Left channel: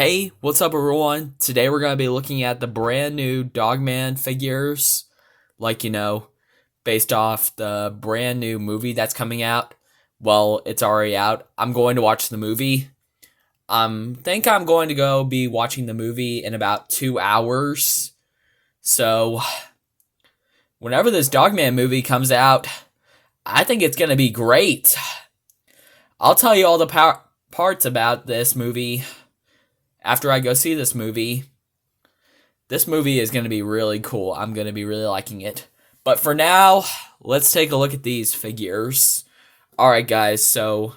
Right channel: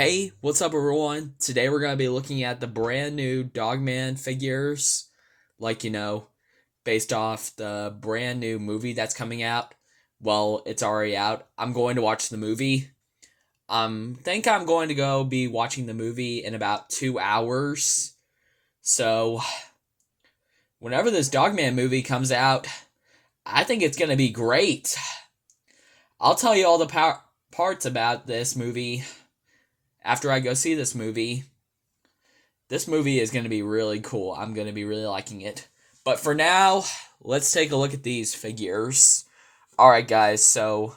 Hey, what's up, everyone? Today we're going to be looking at the brand new Dogman figures, based off the brand new movie that's coming out. Well, it's already out. I'm going to watch the movie. Think I'm going to go be watching the movie in about 2 hours. So, whenever this Dogman movie comes out, I think it's going to be great. I'll tell you all the parts about this movie after I go see this movie. This movie is going to be really cool. I'm going to be really liking it. But for now, let's take a look at these figures. Alright guys, so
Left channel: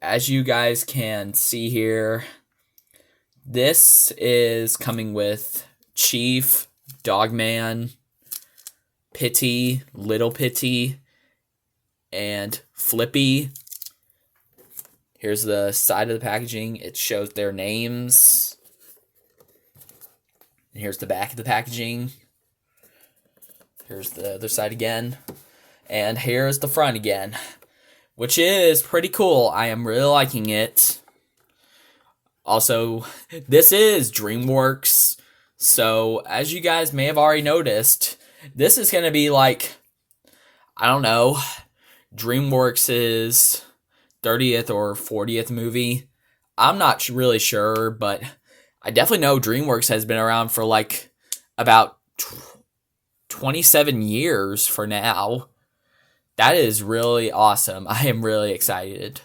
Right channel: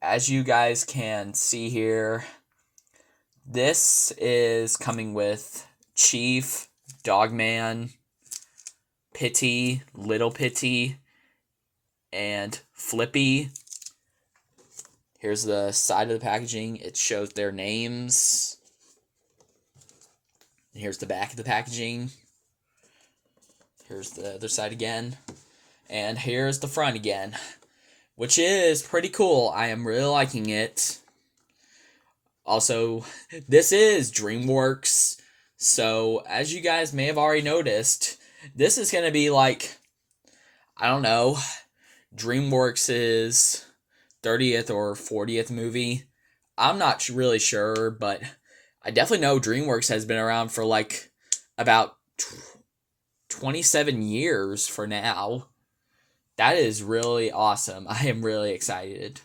as you guys can see here, this is coming with Chief, Dogman, Pitty, Little Pitty, and Flippy. Here's the side of the packaging. It shows their names. And here's the back of the packaging. Here's the other side again. And here's the front again, which is pretty cool. I am really liking it. Also, this is DreamWorks. So, as you guys may have already noticed, this is going to be like, I don't know, DreamWorks' 30th or 40th movie. I'm not really sure, but I definitely know DreamWorks has been around for like about 27 years for now. That is really awesome. I am really excited.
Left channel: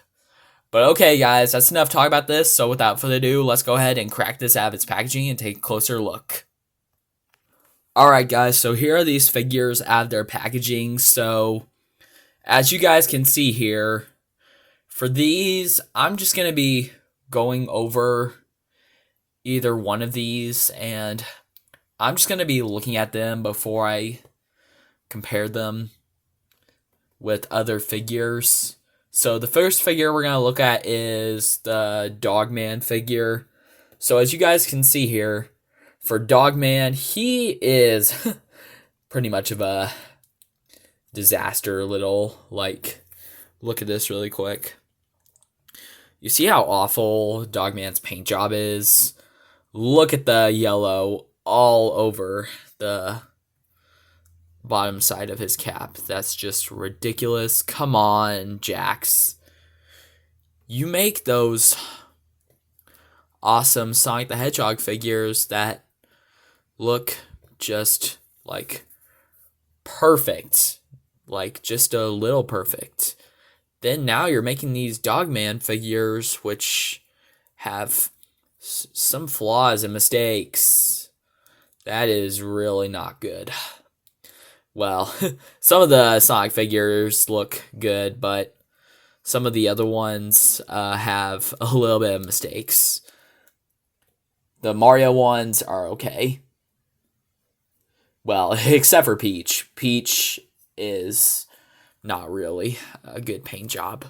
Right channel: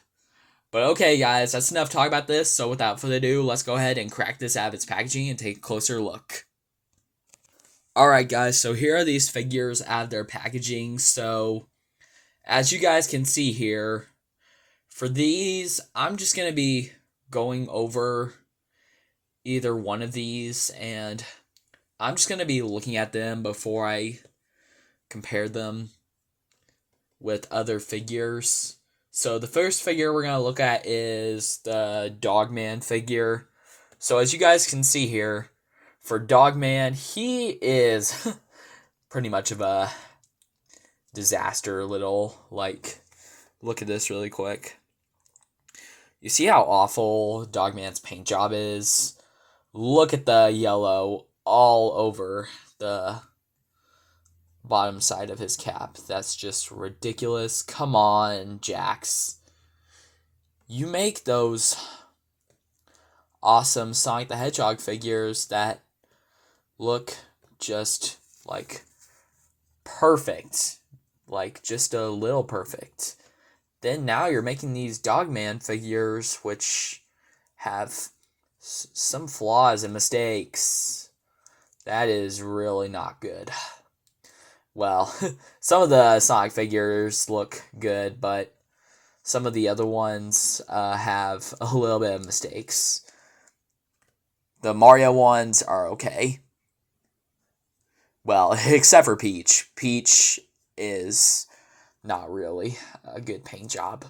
But okay, guys, that's enough talk about this. So without further ado, let's go ahead and crack this out of its packaging and take a closer look. Alright, guys, so here are these figures out of their packaging. So, as you guys can see here, for these, I'm just going to be going over either one of these, and I'm just going to be looking at them before I compare them with other figures. So the first figure we're going to look at is the Dogman figure. So as you guys can see here, for Dogman, he is pretty much of a disaster little. Look at this really quick. You see how awful Dogman's paint job is? Look at the yellow all over the bottom side of his cap. That's just ridiculous. Come on, Jax. You make those awesome Sonic the Hedgehog figures that look just like perfect. Like just a little perfect. Then now you're making these Dogman figures which have some flaws and mistakes. That is really not good. Well, some of the Sonic figures look good, but some of the other ones have a little bit of mistakes. The Mario ones are okay. Well, except for Peach. Peach is not really a good paint job.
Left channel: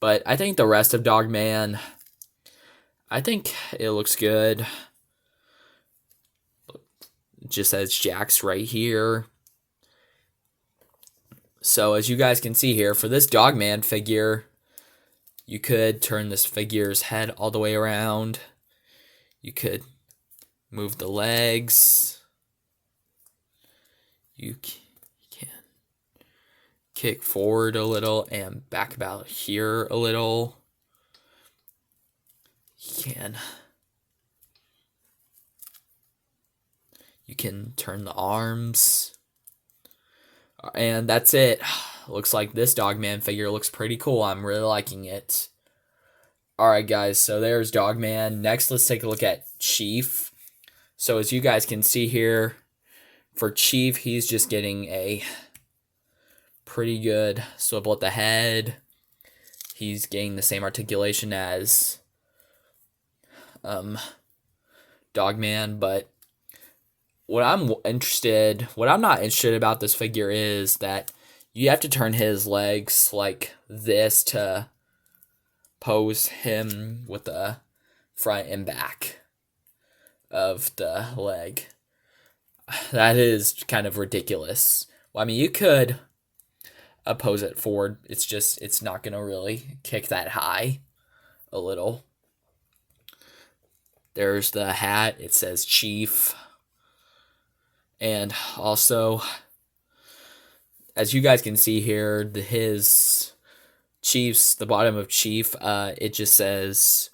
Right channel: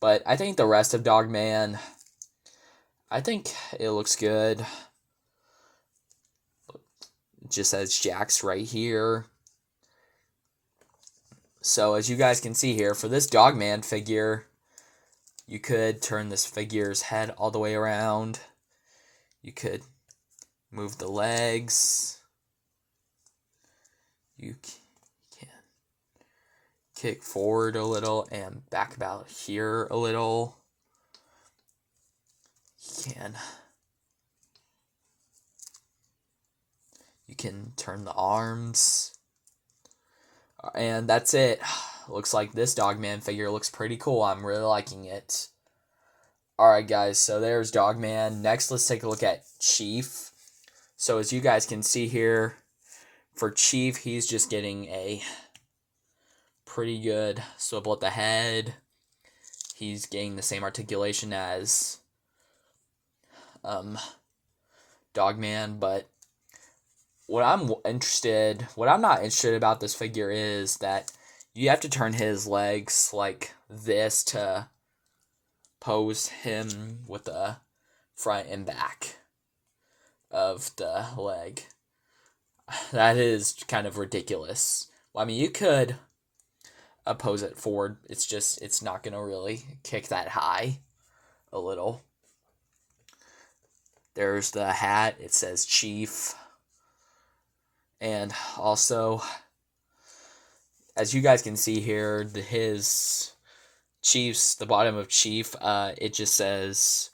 But I think the rest of Dogman, I think it looks good. It just says Jax right here. So as you guys can see here, for this Dogman figure, you could turn this figure's head all the way around. You could move the legs. You can kick forward a little and back about here a little. You can turn the arms. And that's it. Looks like this Dogman figure looks pretty cool. I'm really liking it. Alright guys, so there's Dogman. Next, let's take a look at Chief. So as you guys can see here, for Chief, he's just getting a pretty good swivel at the head. He's getting the same articulation as Dogman, but what I'm not interested about this figure is that you have to turn his legs like this to pose him with the front and back of the leg. That is kind of ridiculous. Well, I mean, you could pose it forward. It's not going to really kick that high a little. There's the hat. It says Chief. And also, as you guys can see here, his Chiefs, the bottom of Chief, it just says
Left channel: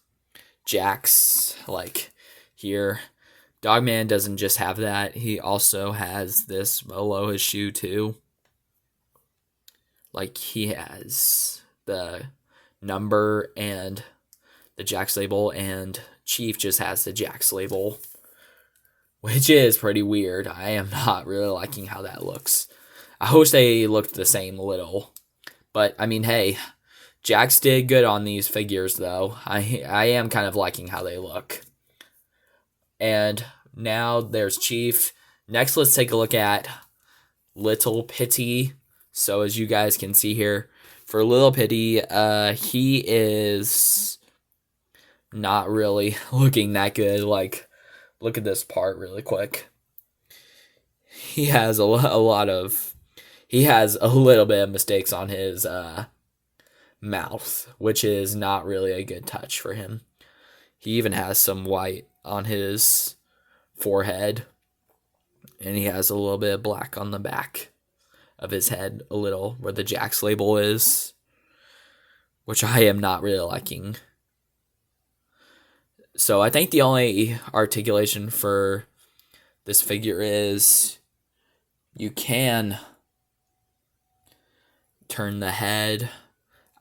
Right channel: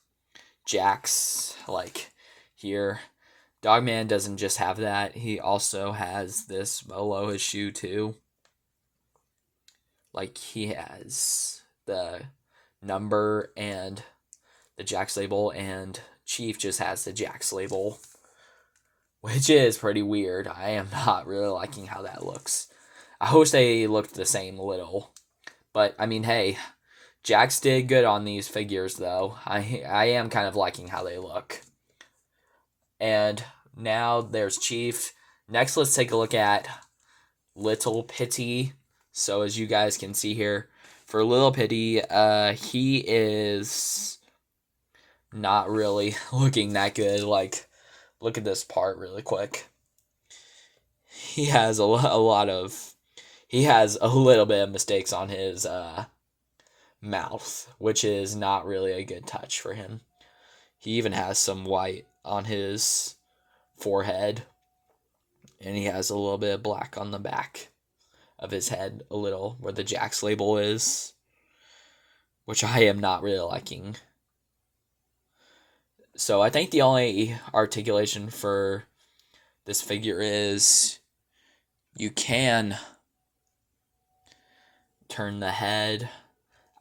Jax, like here. Dogman doesn't just have that. He also has this below his shoe too. Like he has the number and the Jax label, and Chief just has the Jax label, which is pretty weird. I am not really liking how that looks. I wish they looked the same a little. But, I mean, hey, Jax did good on these figures, though. I am kind of liking how they look. And now there's Chief. Next, let's take a look at Little Pitty. So, as you guys can see here, for Little Pitty, he is not really looking that good. Like, look at this part really quick. He has a little bit of mistakes on his mouth, which is not really a good touch for him. He even has some white on his forehead, and he has a little bit of black on the back of his head, a little where the Jax label is, which I am not really liking. So I think the only articulation for this figure is you can turn the head.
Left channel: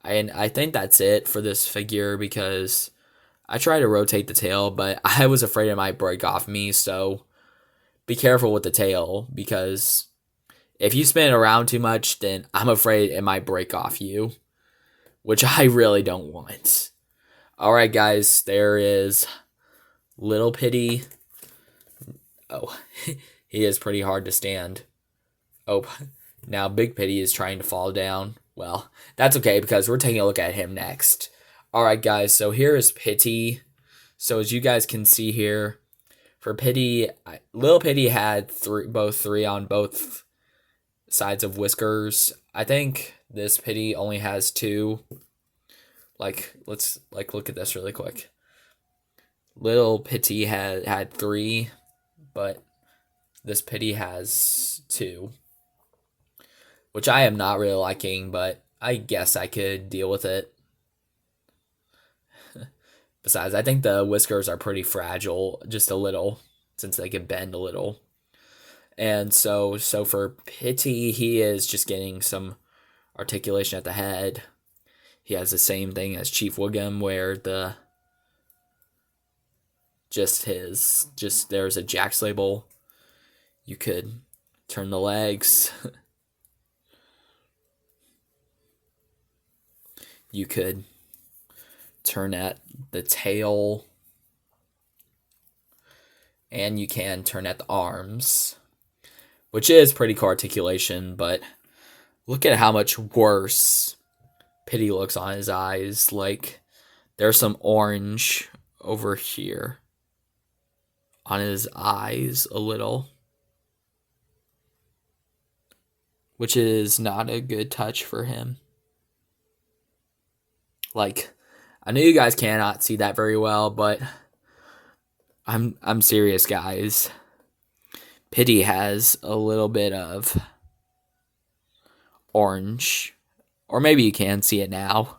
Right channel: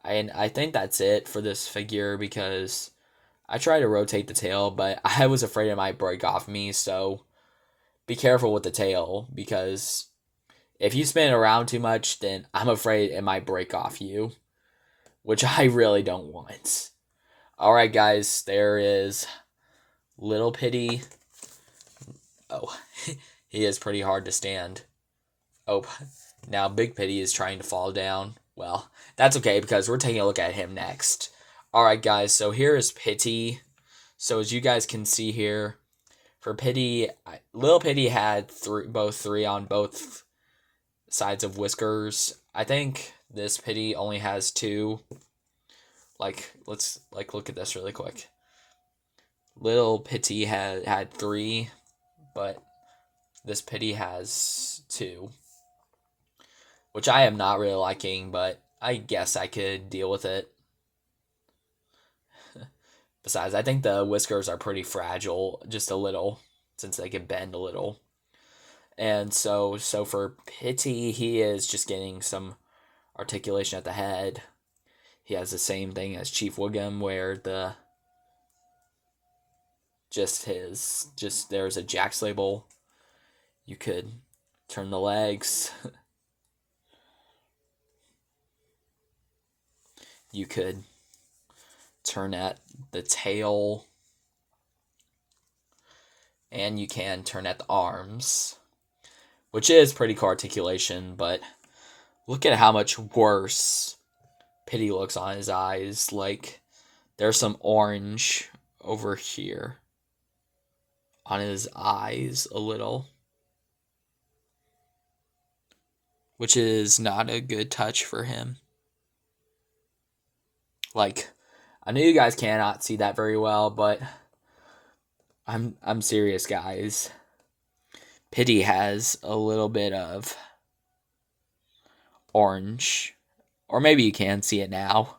And I think that's it for this figure, because I tried to rotate the tail, but I was afraid it might break off me, so be careful with the tail, because if you spin it around too much, then I'm afraid it might break off you, which I really don't want. Alright guys, there is Little Pitty. Oh, he is pretty hard to stand. Oh, now Big Pitty is trying to fall down. Well, that's okay, because we're taking a look at him next. Alright guys, so here is Pitty. So as you guys can see here, for Pitty, Little Pitty had both three on both sides of whiskers. I think this Pitty only has two. Like, let's look at this really quick. Little Pitty had three, but this Pitty has two, which I am not really liking, but I guess I could deal with it. Besides, I think the whiskers are pretty fragile, just a little, since they can bend a little. And so for Pitty, he is just getting some articulation at the head. He has the same thing as Chief Wiggum, where there's a Jax label. You could turn the legs. You could turn at the tail. And you can turn at the arms, which is pretty cool articulation, but look at how much worse Pitty looks on his eyes. Like, there's some orange over here on his eyes a little, which is not a good touch for him. Like, I know you guys cannot see that very well, but I'm serious, guys. Pitty has a little bit of orange, or maybe you can see it now.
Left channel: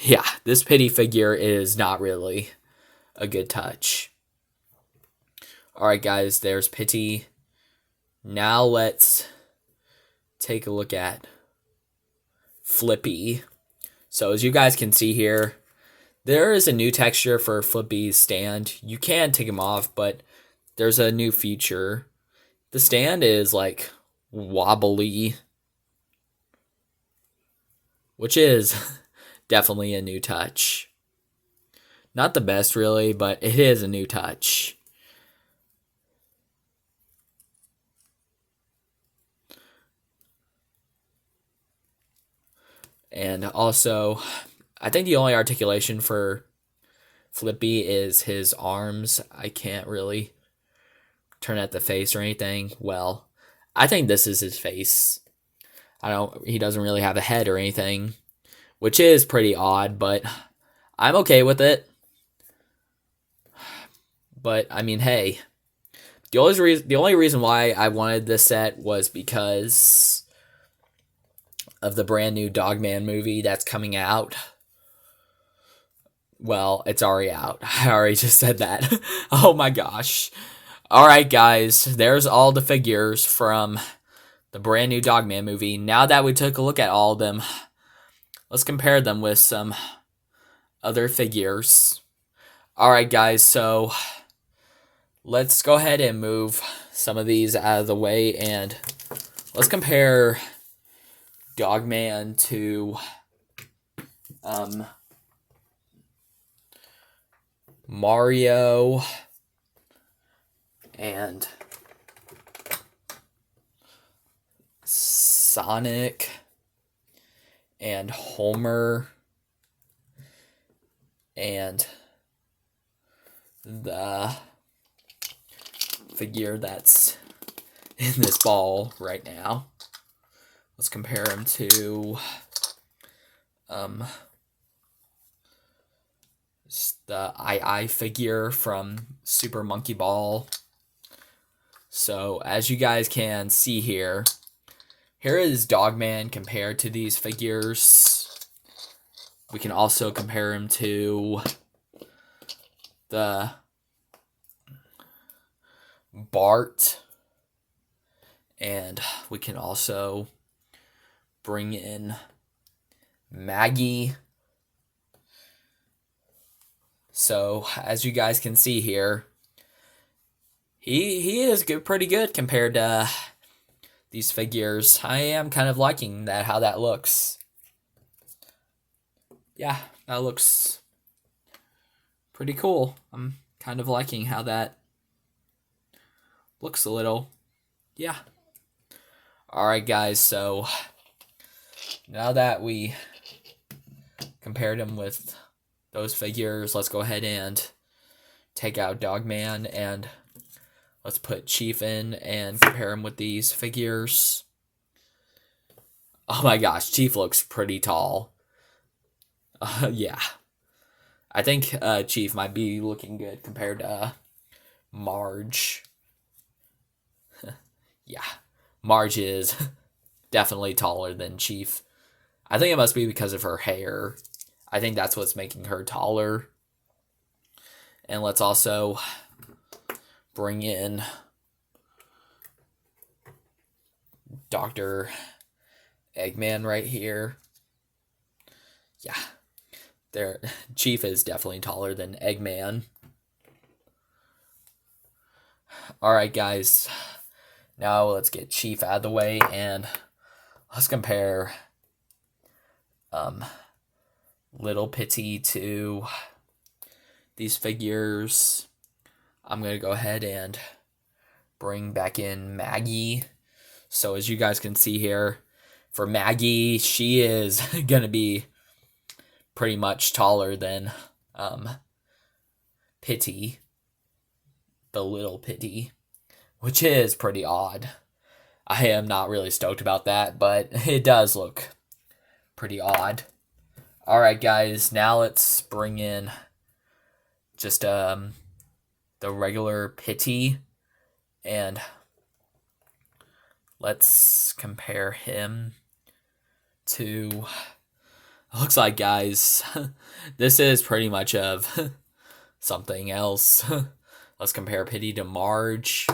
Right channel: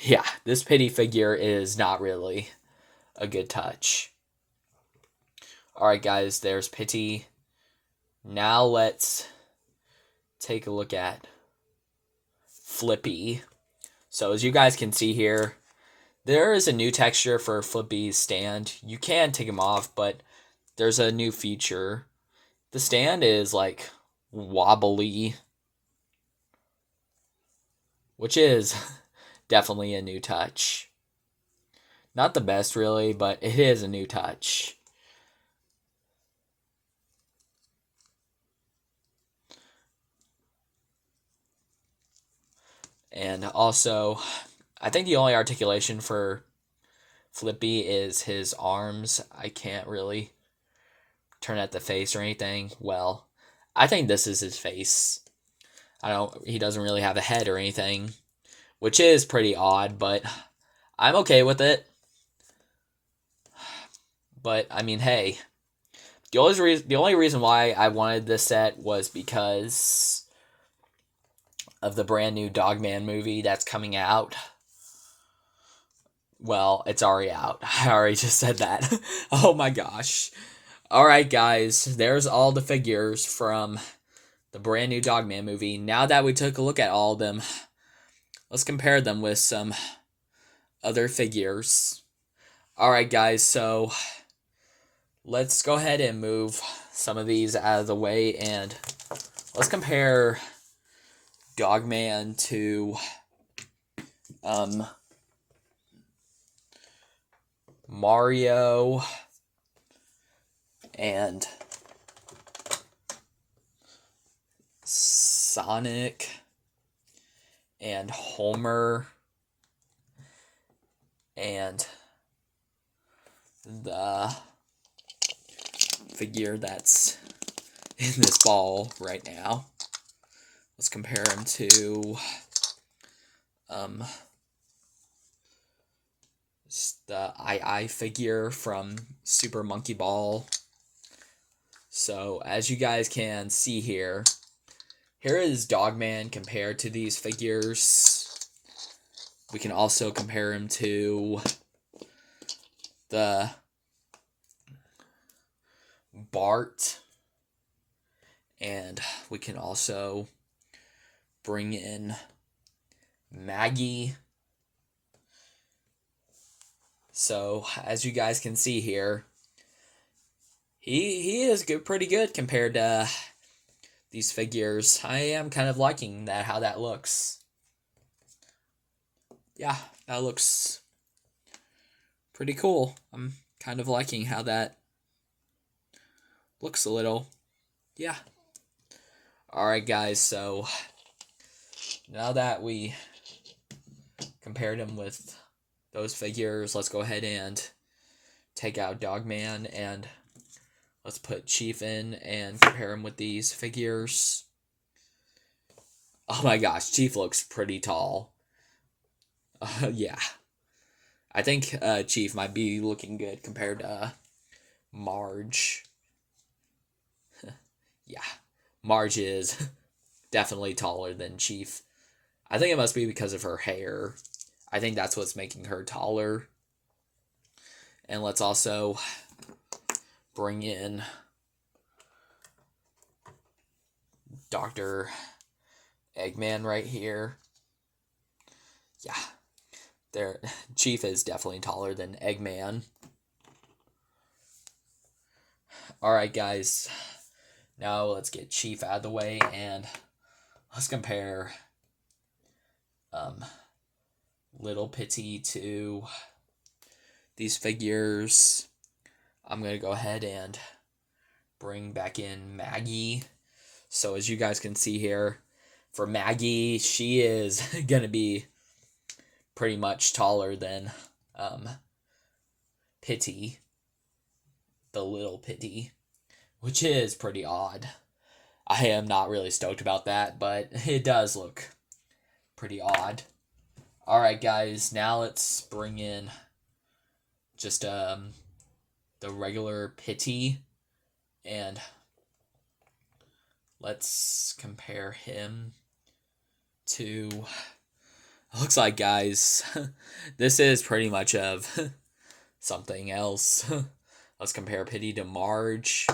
Yeah, this Pitty figure is not really a good touch. Alright guys, there's Pitty. Now let's take a look at Flippy. So as you guys can see here, there is a new texture for Flippy's stand. You can take him off, but there's a new feature. The stand is like wobbly, which is definitely a new touch. Not the best really, but it is a new touch. And also, I think the only articulation for Flippy is his arms. I can't really turn at the face or anything. Well, I think this is his face. He doesn't really have a head or anything, which is pretty odd, but I'm okay with it. But I mean, hey, the only reason why I wanted this set was because of the brand new Dogman movie that's coming out. Well, it's already out. I already just said that. Oh my gosh. Alright, guys, there's all the figures from the brand new Dogman movie. Now that we took a look at all of them, let's compare them with some other figures. Alright, guys, so let's go ahead and move some of these out of the way, and let's compare Dogman to Mario and Sonic and Homer and the figure that's in this ball right now. Let's compare him to the I figure from Super Monkey Ball. So as you guys can see here is Dogman compared to these figures. We can also compare him to the Bart, and we can also bring in Maggie. So as you guys can see here, he is pretty good compared to these figures. I am kind of liking that, how that looks. Yeah, that looks pretty cool. I'm kind of liking how that looks a little. Yeah. Alright, guys, so now that we compared him with those figures, let's go ahead and take out Dogman and let's put Chief in and compare him with these figures. Oh my gosh, Chief looks pretty tall. Yeah. I think Chief might be looking good compared to Marge. Yeah. Marge is definitely taller than Chief. I think it must be because of her hair. I think that's what's making her taller. And let's also bring in Dr. Eggman right here. Yeah. There, Chief is definitely taller than Eggman. Alright, guys. Now let's get Chief out of the way and let's compare Little Pitty to these figures. I'm going to go ahead and bring back in Maggie. So as you guys can see here, for Maggie, she is going to be pretty much taller than Pitty, the Little Pitty, which is pretty odd. I am not really stoked about that, but it does look pretty odd. Alright, guys, now let's bring in just the regular Pitty, and let's compare him to, looks like, guys, this is pretty much of something else. Let's compare Pitty to Marge.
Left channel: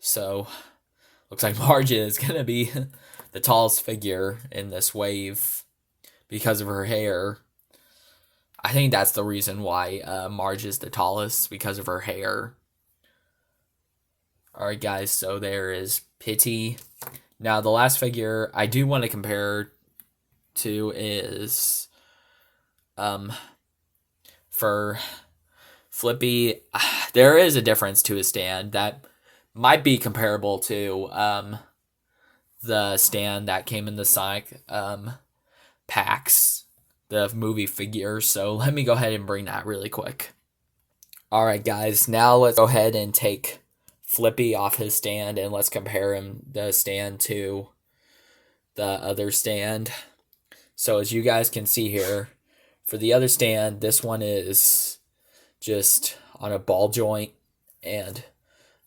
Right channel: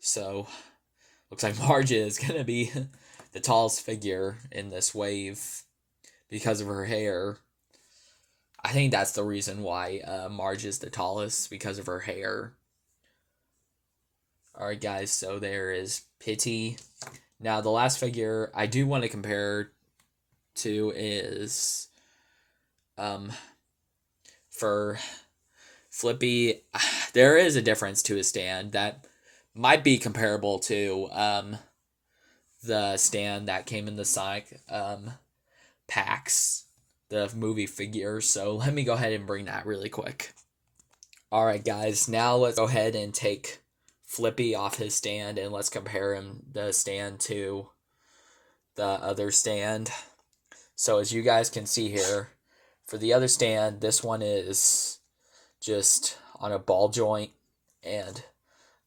So looks like Marge is gonna be the tallest figure in this wave because of her hair. I think that's the reason why Marge is the tallest, because of her hair. Alright, guys, so there is Pitty. Now, the last figure I do want to compare to is for Flippy. There is a difference to his stand that might be comparable to the stand that came in the Sonic packs, the movie figures. So let me go ahead and bring that really quick. Alright, guys, now let's go ahead and take Flippy off his stand and let's compare the stand to the other stand. So as you guys can see here, for the other stand, this one is just on a ball joint, and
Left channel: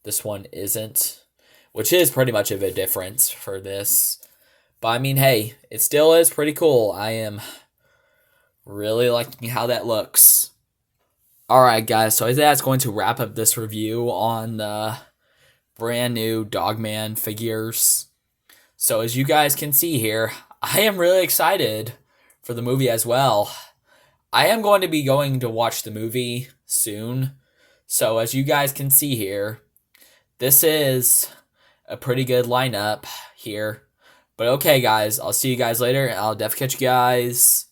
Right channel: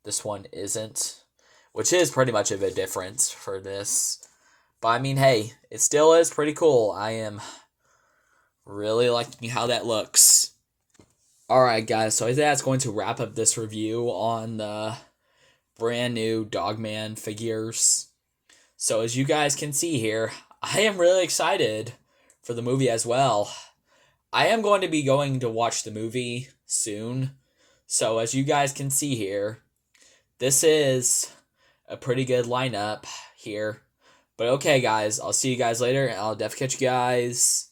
this one isn't, which is pretty much of a difference for this. But I mean, hey, it still is pretty cool. I am really liking how that looks. Alright, guys, so I think that's going to wrap up this review on the brand new Dogman figures. So as you guys can see here, I am really excited for the movie as well. I am going to be going to watch the movie soon. So as you guys can see here, this is a pretty good lineup here. But okay, guys, I'll see you guys later, and I'll definitely catch you guys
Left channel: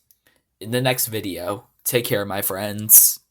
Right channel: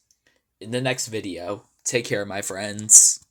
in the next video. Take care, my friends.